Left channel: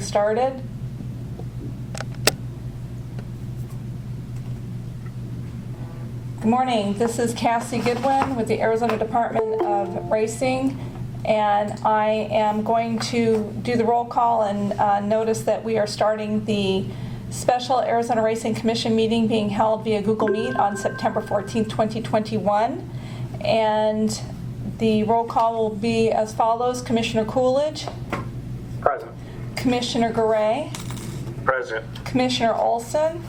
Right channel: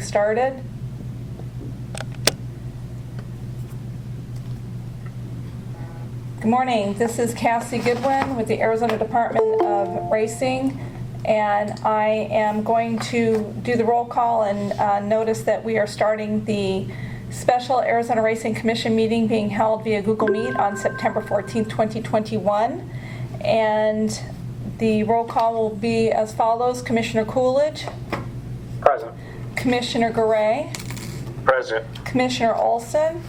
meeting started. Good morning. This is Cassie Goodwin with the Arizona Department of Racing, and I am going to do the roll call and notice that we are starting the special Arizona Racing Commission meeting being held via Google Meet on September 14th, 2021. And the roll call will be as follows: Commissioner Coolidge. Present. Commissioner Garay. Present. Commissioner Olson.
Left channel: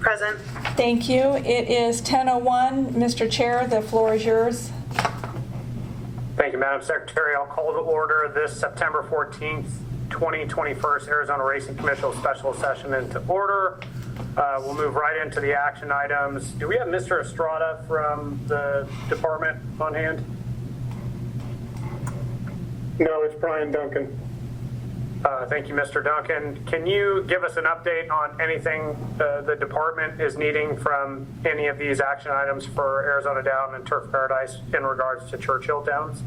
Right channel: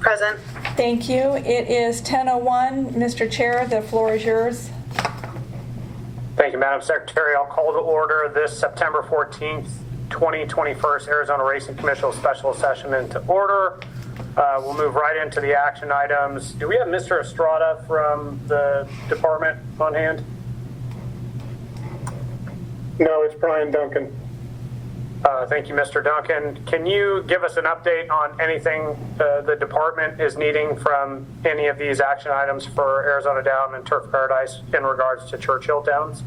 Present. Thank you. It is 10:01. Mr. Chair, the floor is yours. Thank you, Madam Secretary. I'll call to order this September 14th, 2021 Arizona Racing Commission special session into order. We'll move right into the action items. Do we have Mr. Estrada from the department on hand? No, it's Brian Duncan. Thank you, Mr. Duncan. Can you give us an update on anything the department is needing from any of these action items for Arizona Down and Turf Paradise in regards to Churchill Downs?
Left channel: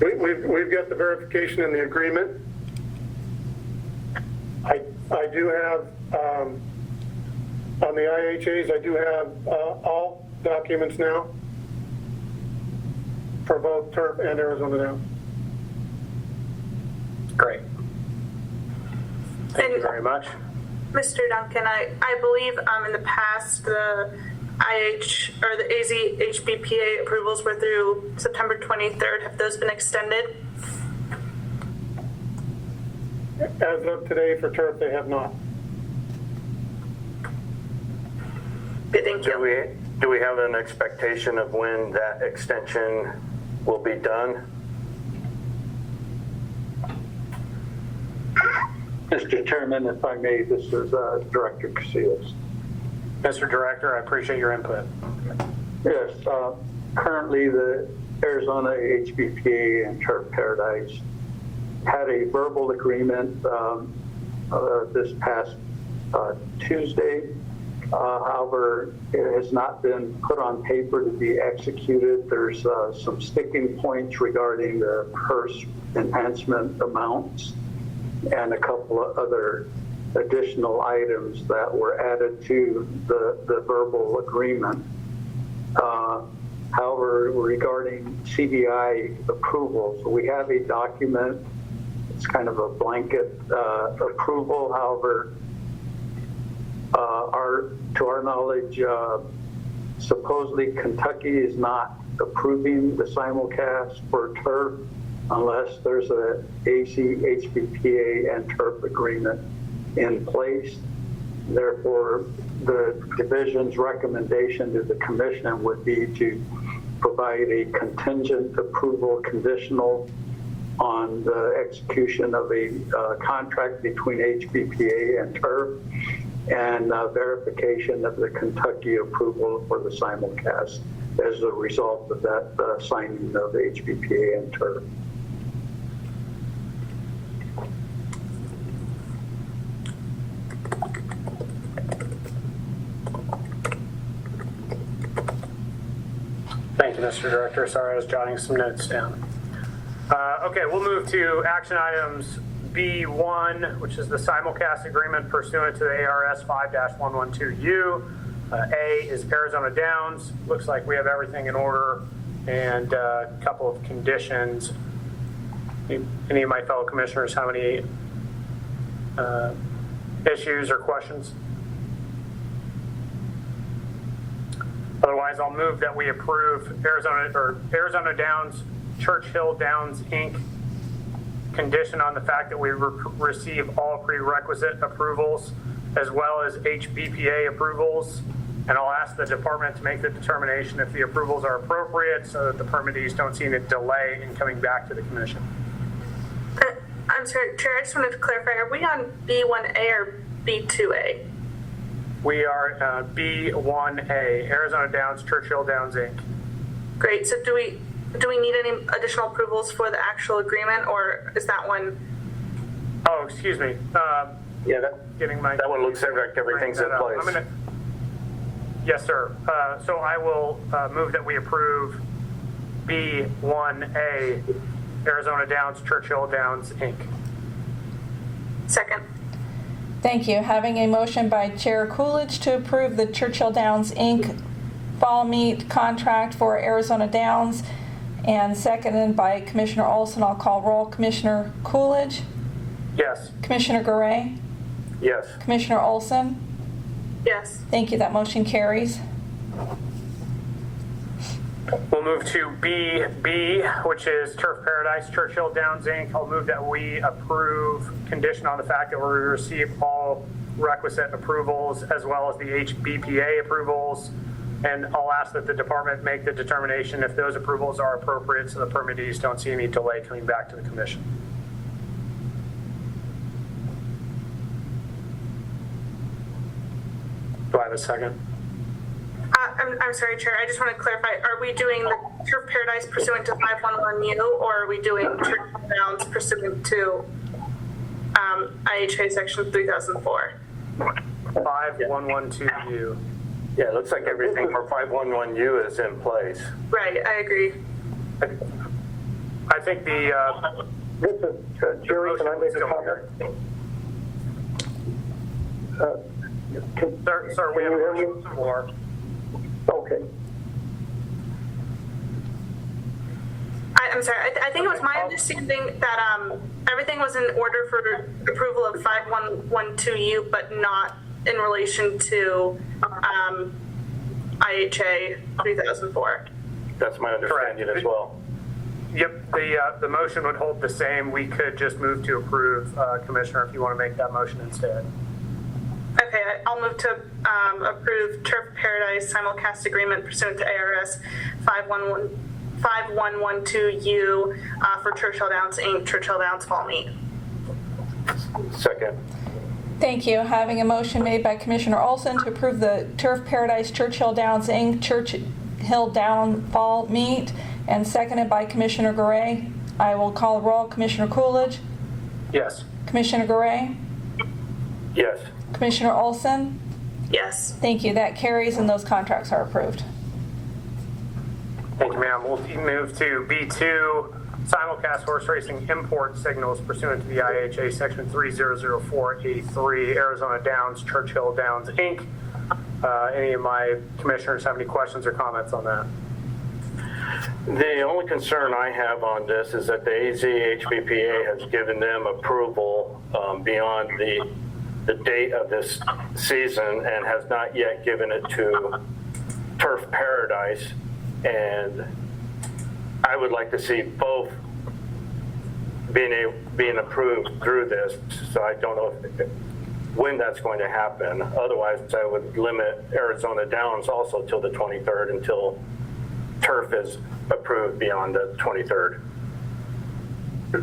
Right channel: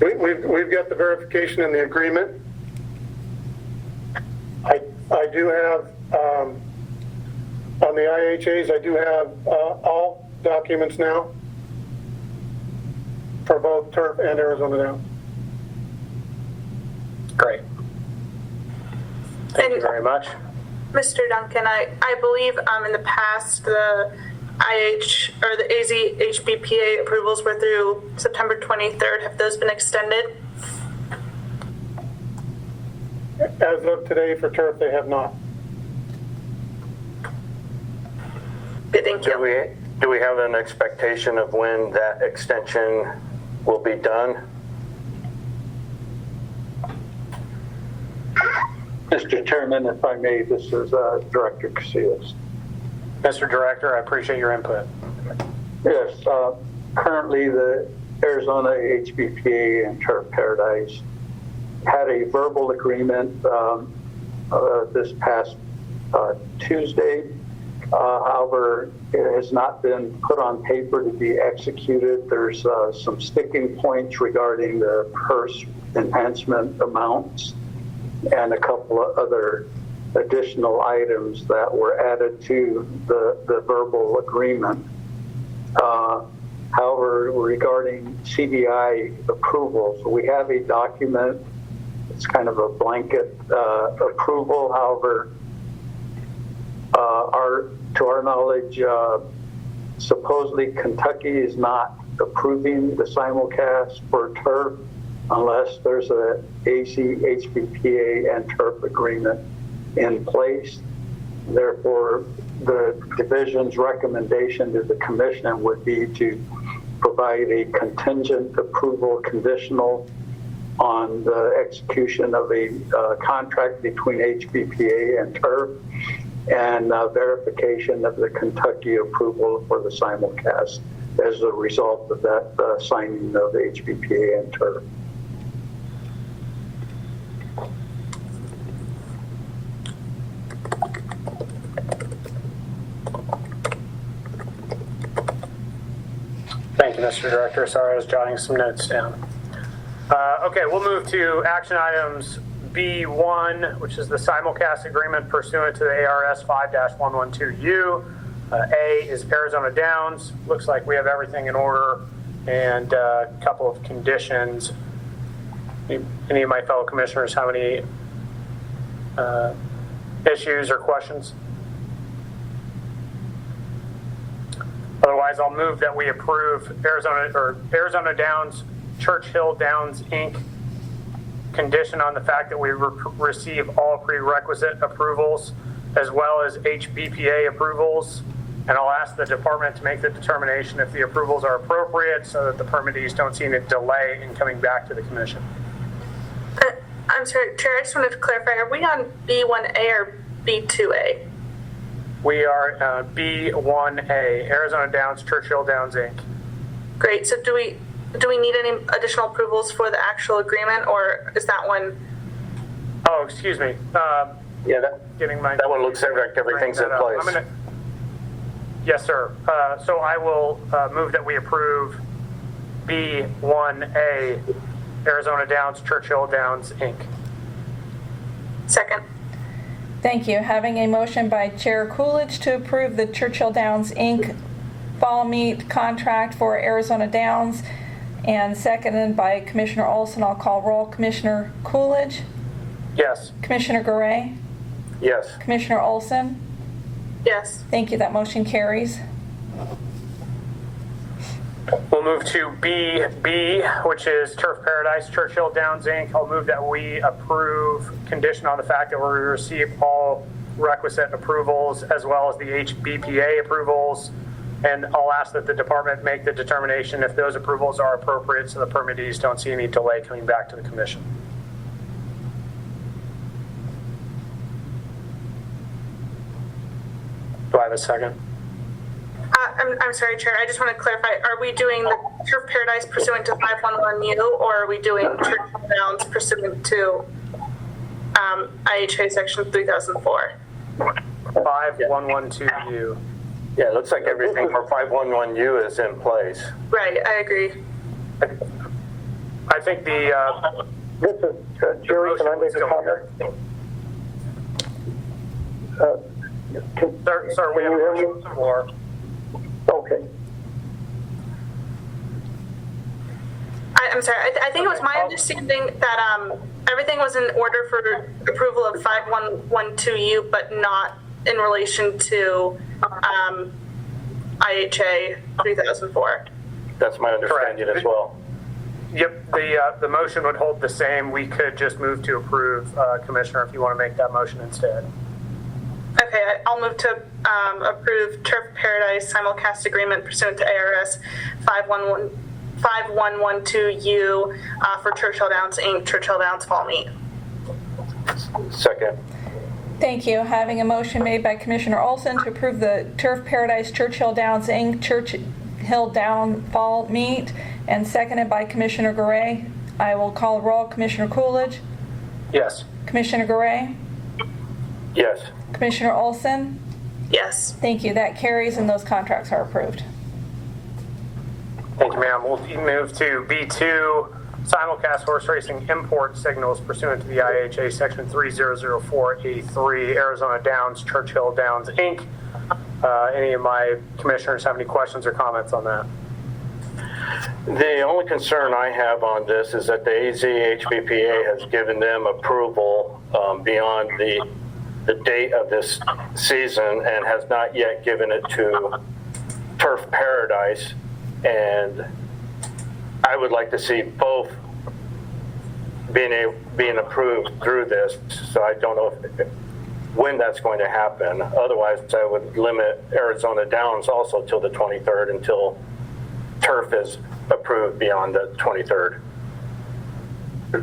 We've got the verification and the agreement. I do have, on the IHAs, I do have all documents now for both Turf and Arizona Downs. Great. Thank you very much. Mr. Duncan, I believe in the past the the AZ HBPA approvals were through September 23rd. Have those been extended? As of today for Turf, they have not. Good, thank you. Do we have an expectation of when that extension will be done? Mr. Chairman, if I may, this is Director Casillas. Mr. Director, I appreciate your input. Yes, currently the Arizona HBPA and Turf Paradise had a verbal agreement this past Tuesday. However, it has not been put on paper to be executed. There's some sticking points regarding the purse enhancement amounts and a couple of other additional items that were added to the verbal agreement. However, regarding CDI approval, so we have a document. It's kind of a blanket approval. However, to our knowledge, supposedly Kentucky is not approving the simulcast for turf unless there's a AC, HBPA, and turf agreement in place. Therefore, the division's recommendation to the commission would be to provide a contingent approval conditional on the execution of a contract between HBPA and turf and verification of the Kentucky approval for the simulcast as a result of that signing of the HBPA and turf. Thank you, Mr. Director. Sorry, I was jotting some notes down. Okay, we'll move to action items B1, which is the simulcast agreement pursuant to the ARS 5-112U. A is Arizona Downs. Looks like we have everything in order, and a couple of conditions. Any of my fellow commissioners have any issues or questions? Otherwise, I'll move that we approve Arizona Downs, Churchill Downs, Inc. condition on the fact that we receive all prerequisite approvals as well as HBPA approvals. And I'll ask the department to make the determination if the approvals are appropriate so that the permittees don't see any delay in coming back to the commission. I'm sorry, Chair, I just wanted to clarify, are we on B1A or B2A? We are B1A, Arizona Downs, Churchill Downs, Inc. Great, so do we need any additional approvals for the actual agreement, or is that one? Oh, excuse me. Yeah, Getting my that one looks like everything's in place. Yes, sir. So I will move that we approve B1A, Arizona Downs, Churchill Downs, Inc. Second. Thank you. Having a motion by Chair Coolidge to approve the Churchill Downs, Inc. fall meet contract for Arizona Downs, and seconded by Commissioner Olson. I'll call roll. Commissioner Coolidge, Yes. Commissioner Garay, Yes. Commissioner Olson. Yes. Thank you. That motion carries. We'll move to BB, which is Turf Paradise, Churchill Downs, Inc. I'll move that we approve, condition on the fact that we receive all requisite approvals as well as the HBPA approvals. And I'll ask that the department make the determination if those approvals are appropriate so the permittees don't see any delay coming back to the commission. Do I have a second? I'm sorry, Chair. I just want to clarify. Are we doing the Turf Paradise pursuant to 511U, or are we doing Churchill Downs pursuant to IHA Section 3004? 5112U. Yeah, it looks like everything for 511U is in place. Right, I agree. I think the, This is, Jerry, can I make a comment? sir, we have a motion on the floor. Okay. I'm sorry. I think it was my understanding that everything was in order for approval of 5112U, but not in relation to IHA 3004. That's my understanding as well. Yep, the motion would hold the same. We could just move to approve, Commissioner, if you want to make that motion instead. Okay, I'll move to approve Turf Paradise simulcast agreement pursuant to ARS 5112U for Churchill Downs, Inc., Churchill Downs Fall Meet. Second. Thank you. Having a motion made by Commissioner Olson to approve the Turf Paradise Churchill Downs, Inc. Churchill Down Fall Meet, and seconded by Commissioner Garay. I will call roll. Commissioner Coolidge, Yes. Commissioner Garay, Yes. Commissioner Olson. Yes. Thank you. That carries, and those contracts are approved. Thank you, ma'am. We'll move to B2, simulcast horse racing import signals pursuant to the IHA Section 3004A3, Arizona Downs, Churchill Downs, Inc. Any of my commissioners have any questions or comments on that? The only concern I have on this is that the AZHBPA has given them approval beyond the date of this season and has not yet given it to Turf Paradise. And I would like to see both being approved through this. So I don't know when that's going to happen. Otherwise, I would limit Arizona Downs also till the 23rd until Turf is approved beyond the 23rd. If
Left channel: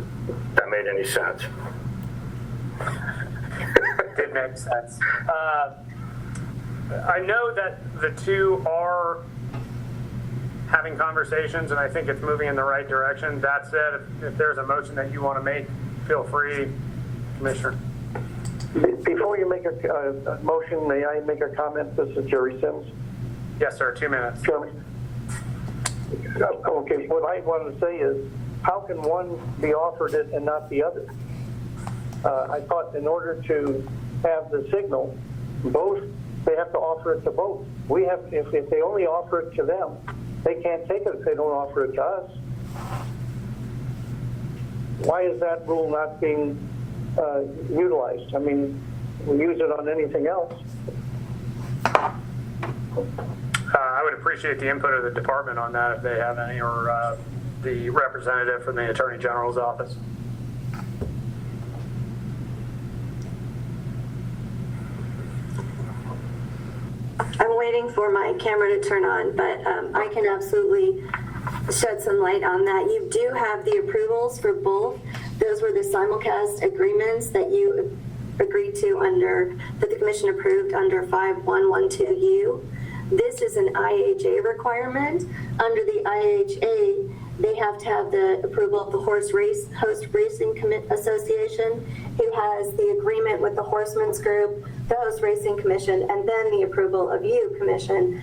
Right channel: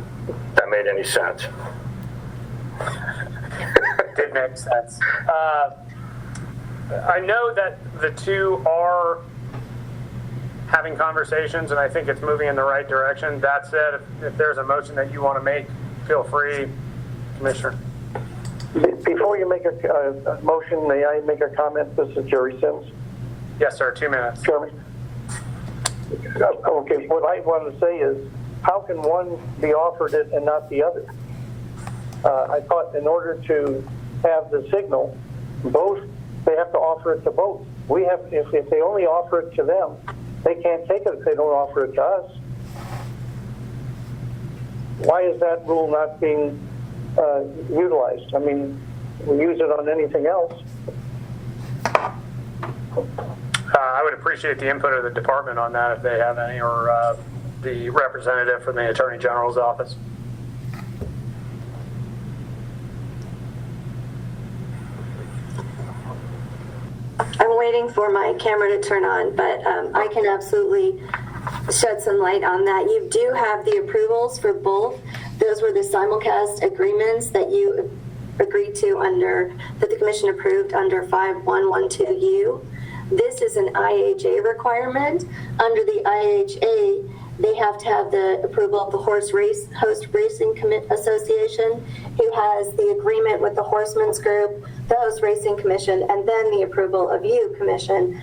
that made any sense. Did make sense. I know that the two are having conversations, and I think it's moving in the right direction. That said, if there's a motion that you want to make, feel free, Commissioner. Before you make a motion, may I make a comment? This is Jerry Sims. Yes, sir. 2 minutes. Chairman? Okay, what I want to say is, how can one be offered it and not the other? I thought in order to have the signal, both, they have to offer it to both. We have, if they only offer it to them, they can't take it if they don't offer it to us. Why is that rule not being utilized? I mean, we use it on anything else. I would appreciate the input of the department on that if they have any, or the representative from the Attorney General's office. I'm waiting for my camera to turn on, but I can absolutely shed some light on that. You do have the approvals for both. Those were the simulcast agreements that you agreed to that the commission approved under 5112U. This is an IHA requirement. Under the IHA, they have to have the approval of the Host Racing Association, who has the agreement with the Horsemen's Group, the Host Racing Commission, and then the approval of you, Commission.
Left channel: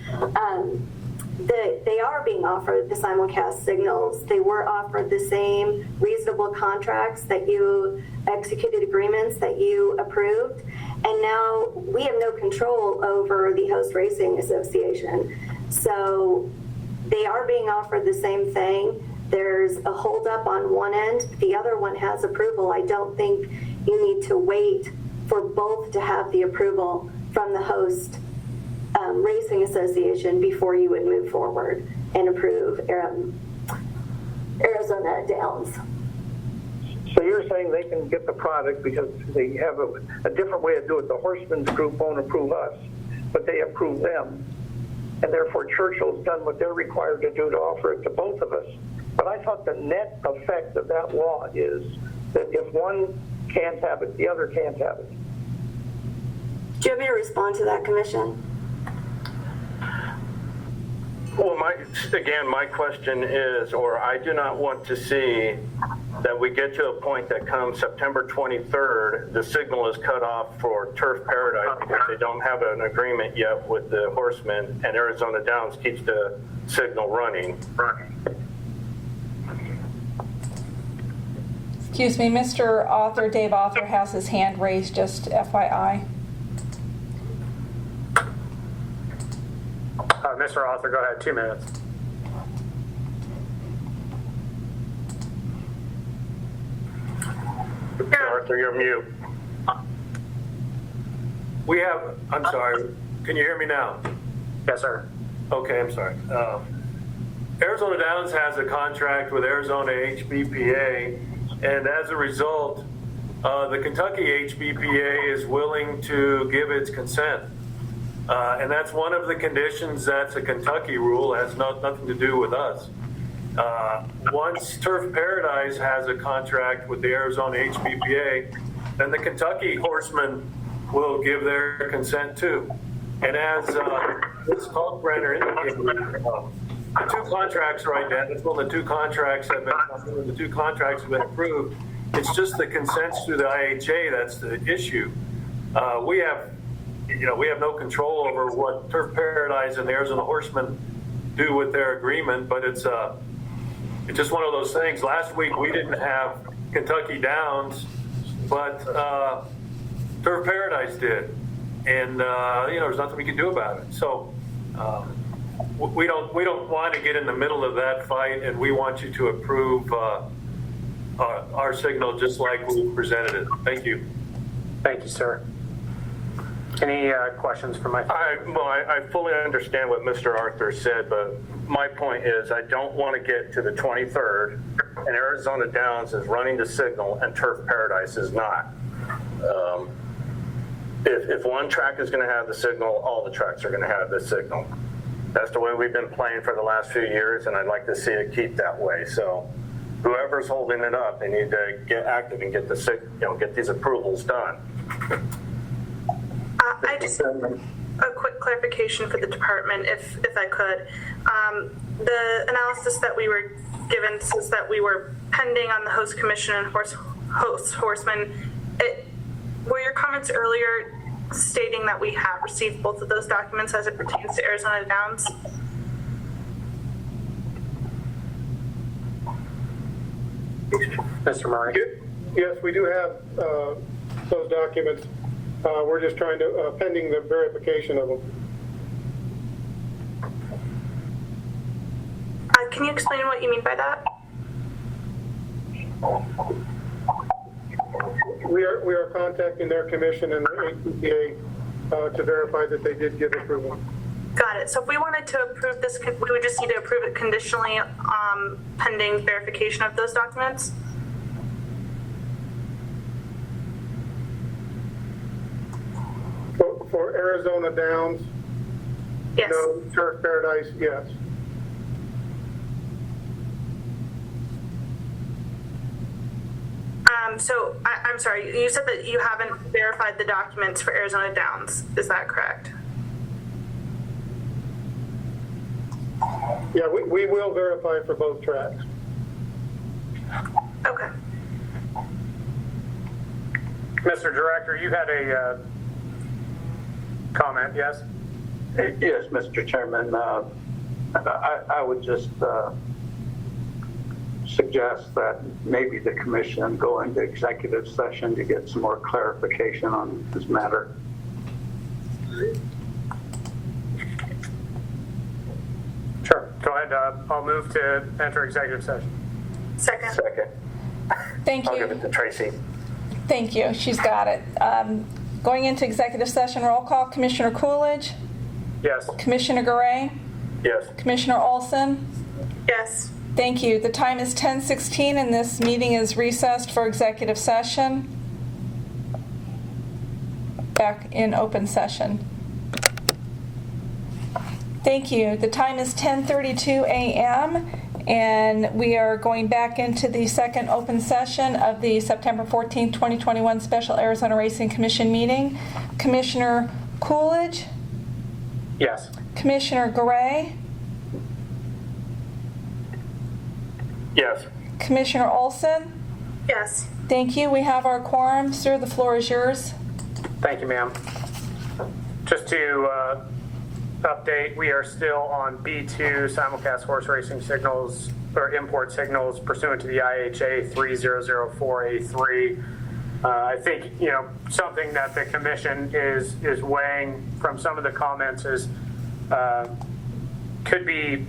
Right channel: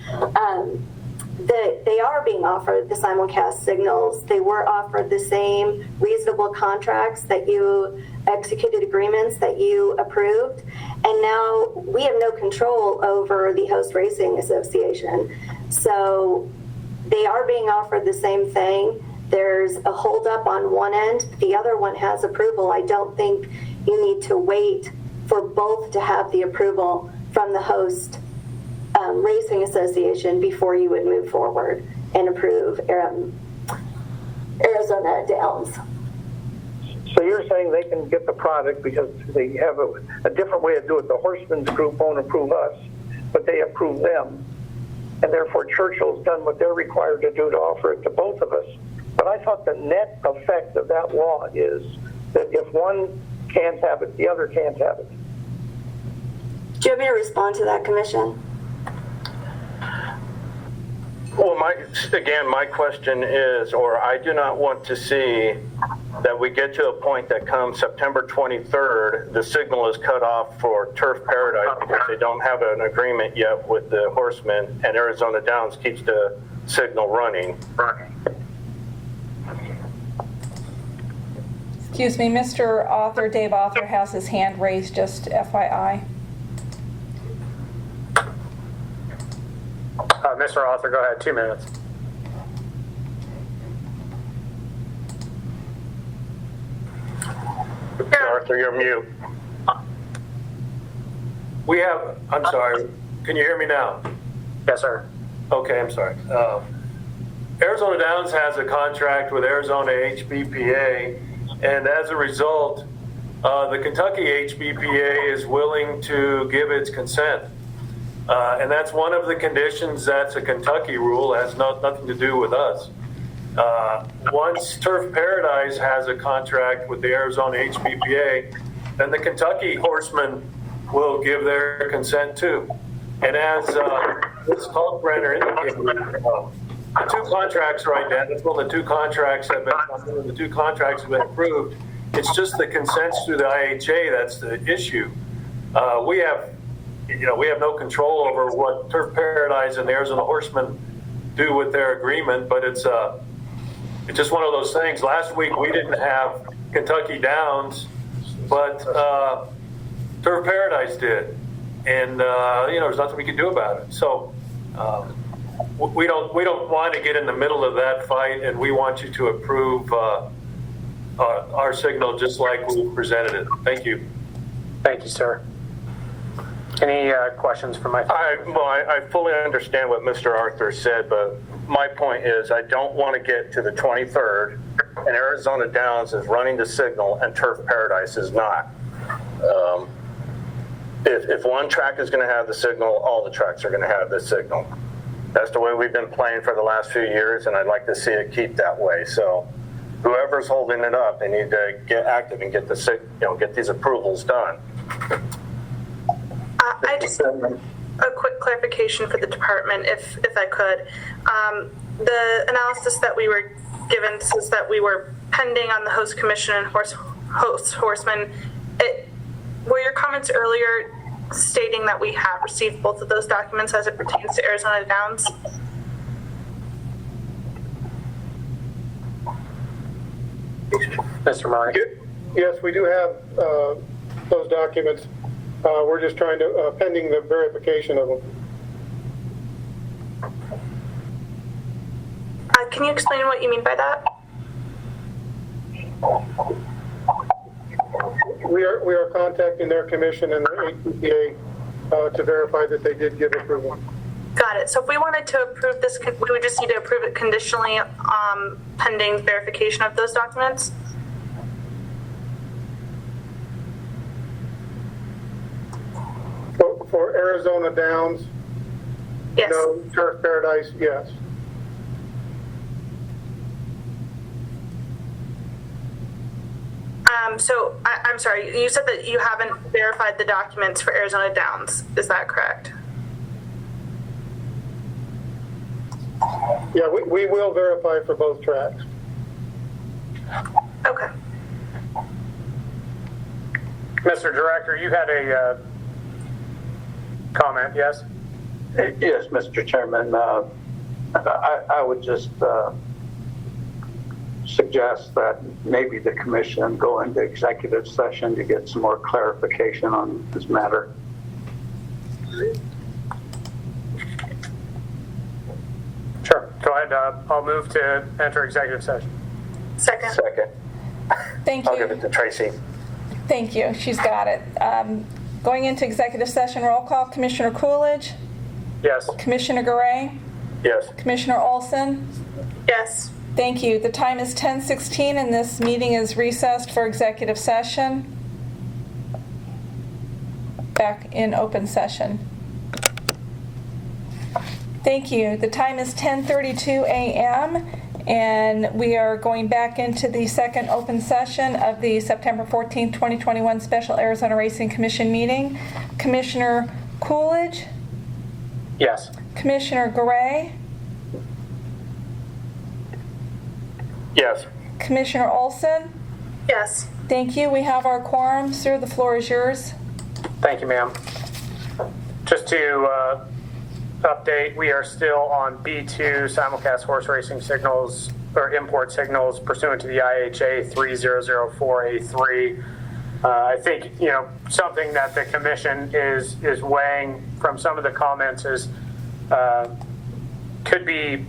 They are being offered the simulcast signals. They were offered the same reasonable contracts that you executed, agreements that you approved, and now we have no control over the Host Racing Association. So they are being offered the same thing. There's a holdup on one end. The other one has approval. I don't think you need to wait for both to have the approval from the Host Racing Association before you would move forward and approve Arizona Downs. So you're saying they can get the product because they have a different way to do it. The Horsemen's Group won't approve us, but they approve them. And therefore Churchill's done what they're required to do to offer it to both of us. But I thought the net effect of that law is that if one can't have it, the other can't have it. Do you want me to respond to that, Commission? Well, my question is, or I do not want to see that we get to a point that comes September 23rd, the signal is cut off for Turf Paradise because they don't have an agreement yet with the Horsemen, and Arizona Downs keeps the signal running. Excuse me, Mr. Author, Dave Author has his hand raised, just FYI. Mr. Author, go ahead, 2 minutes. Arthur, you're mute. I'm sorry, can you hear me now? Yes, sir. Okay, I'm sorry. Arizona Downs has a contract with Arizona HBPA, and as a result, the Kentucky HBPA is willing to give its consent. And that's one of the conditions. That's a Kentucky rule. It has nothing to do with us. Once Turf Paradise has a contract with the Arizona HBPA, then the Kentucky Horsemen will give their consent too. And as Ms. Kalkbrenner indicated, the two contracts are identical. The two contracts have been approved. It's just the consents through the IHA that's the issue. We have no control over what Turf Paradise and the Arizona Horsemen do with their agreement, but it's just one of those things. Last week we didn't have Kentucky Downs, but Turf Paradise did, and there's nothing we can do about it. So we don't want to get in the middle of that fight, and we want you to approve our signal just like we presented it. Thank you. Thank you, sir. Any questions from my? I fully understand what Mr. Arthur said, but my point is I don't want to get to the 23rd and Arizona Downs is running the signal and Turf Paradise is not. If one track is going to have the signal, all the tracks are going to have the signal. That's the way we've been playing for the last few years, and I'd like to see it keep that way. So whoever's holding it up, they need to get active and get get these approvals done. I just a quick clarification for the department, if I could. The analysis that we were given says that we were pending on the Host Commission and Horsemen. Were your comments earlier stating that we have received both of those documents as it pertains to Arizona Downs? Mr. Murray? Yes, we do have those documents. We're just trying to, pending the verification of them. Can you explain what you mean by that? We are contacting their commission and their HBPA to verify that they did give approval. Got it. So if we wanted to approve this, we would just need to approve it conditionally pending verification of those documents? For Arizona Downs, Yes. no. Turf Paradise, yes. So I'm sorry, you said that you haven't verified the documents for Arizona Downs. Is that correct? Yeah, we will verify for both tracks. Okay. Mr. Director, you had a comment, yes? Yes, Mr. Chairman, I would just suggest that maybe the commission go into executive session to get some more clarification on this matter. Sure. Go ahead. I'll move to enter executive session. Second. Second. Thank I'll give it you. to Tracy. Thank you. She's got it. Going into executive session, roll call. Commissioner Coolidge, Yes. Commissioner Garay, Yes. Commissioner Olson. Yes. Thank you. The time is 10:16 and this meeting is recessed for executive session. Back in open session. Thank you. The time is 10:32 a.m. and we are going back into the second open session of the September 14, 2021 Special Arizona Racing Commission meeting. Commissioner Coolidge, Yes. Commissioner Garay, Yes. Commissioner Olson. Yes. Thank you. We have our quorum. Sir, the floor is yours. Thank you, ma'am. Just to update, we are still on B2 simulcast horse racing signals or import signals pursuant to the IHA 3004A3. I think, something that the commission is weighing from some of the comments is could be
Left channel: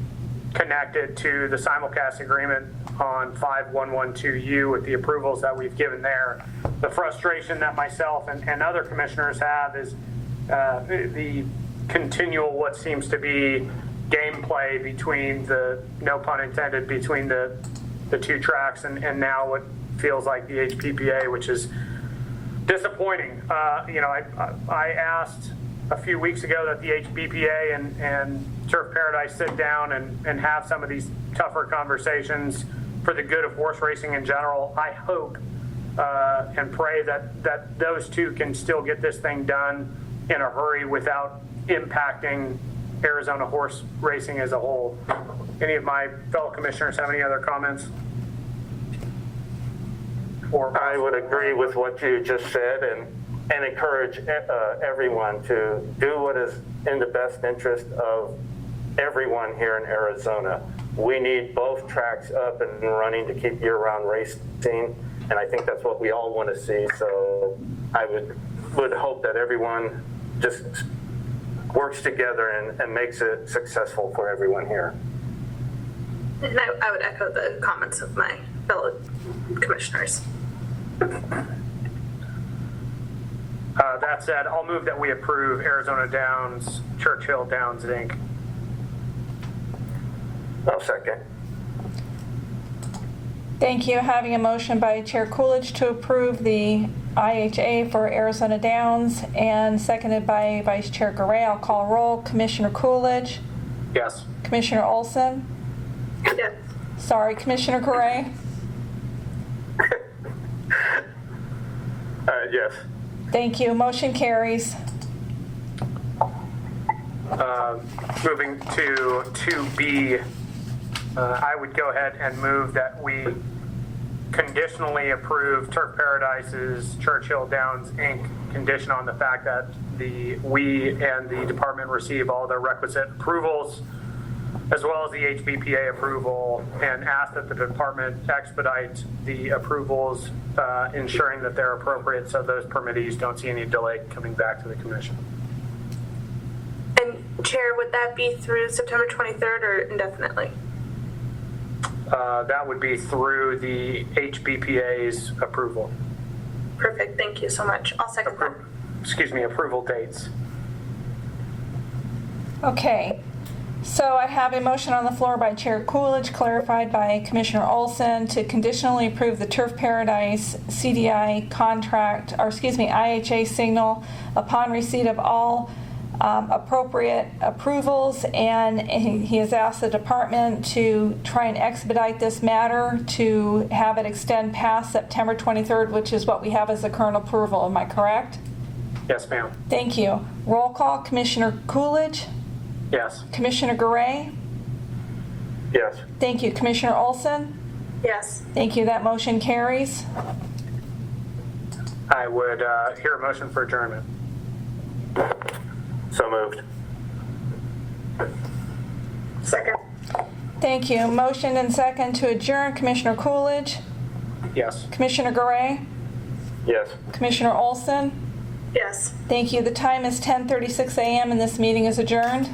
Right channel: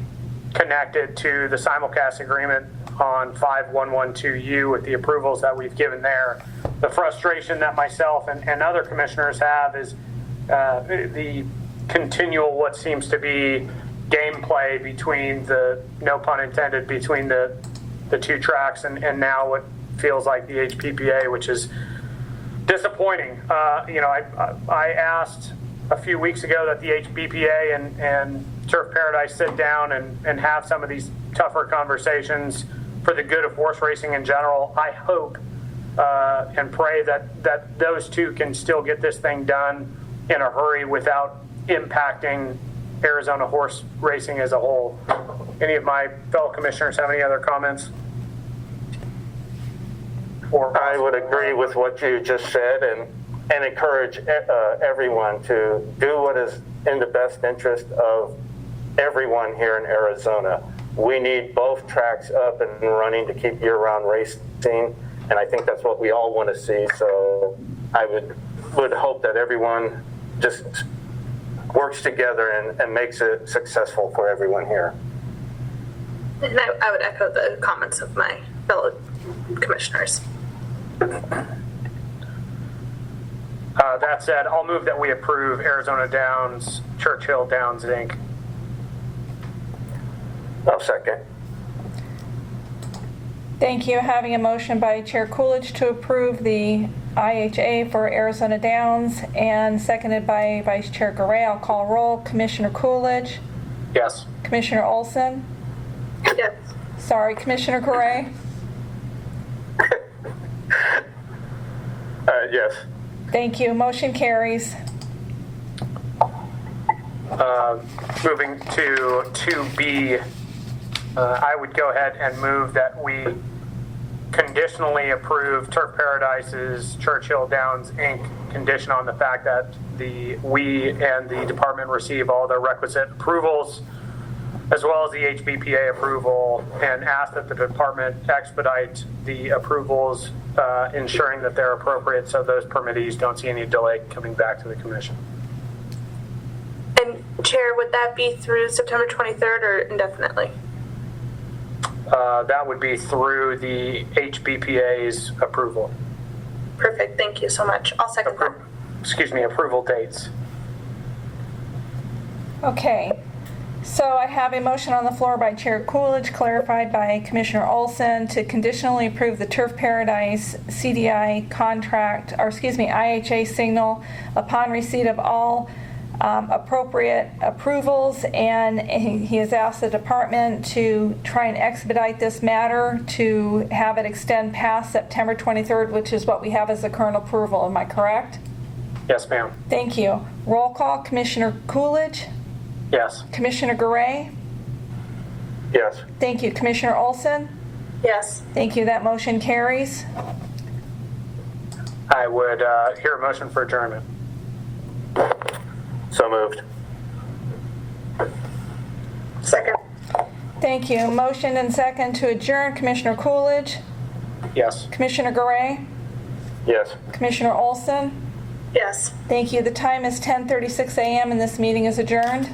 connected to the simulcast agreement on 5112U with the approvals that we've given there. The frustration that myself and other commissioners have is the continual what seems to be gameplay between no pun intended, between the two tracks and now what feels like the HPPA, which is disappointing. I asked a few weeks ago that the HPPA and Turf Paradise sit down and have some of these tougher conversations for the good of horse racing in general. I hope and pray that those two can still get this thing done in a hurry without impacting Arizona horse racing as a whole. Any of my fellow commissioners have any other comments? I would agree with what you just said and encourage everyone to do what is in the best interest of everyone here in Arizona. We need both tracks up and running to keep year-round racing, and I think that's what we all want to see. So I would hope that everyone just works together and makes it successful for everyone here. And I would echo the comments of my fellow commissioners. That said, I'll move that we approve Arizona Downs, Churchill Downs, Inc. I'll second. Thank you. Having a motion by Chair Coolidge to approve the IHA for Arizona Downs and seconded by Vice Chair Garay. I'll call roll. Commissioner Coolidge, Yes. Commissioner Olson, Yes. sorry, Commissioner Garay, Yes. thank you. Motion carries. Moving to 2B, I would go ahead and move that we conditionally approve Turf Paradise's Churchill Downs, Inc., condition on the fact that we and the department receive all the requisite approvals, as well as the HBPA approval, and ask that the department expedite the approvals, ensuring that they're appropriate so those permittees don't see any delay coming back to the commission. And Chair, would that be through September 23rd or indefinitely? That would be through the HBPA's approval. Perfect. Thank you so much. I'll second that. Approval dates. Okay. So I have a motion on the floor by Chair Coolidge, clarified by Commissioner Olson, to conditionally approve the Turf Paradise CDI contract, or IHA signal upon receipt of all appropriate approvals, and he has asked the department to try and expedite this matter to have it extend past September 23rd, which is what we have as the current approval. Am I correct? Yes, ma'am. Thank you. Roll call. Commissioner Coolidge, Yes. Commissioner Garay. Yes. Thank you. Commissioner Olson, Yes. Thank you. That motion carries. I would hear a motion for adjournment. So moved. Second. Thank you. Motion and second to adjourn. Commissioner Coolidge, Yes. Commissioner Garay, Yes. Commissioner Olson. Yes. Thank you. The time is 10:36 a.m. and this meeting is adjourned.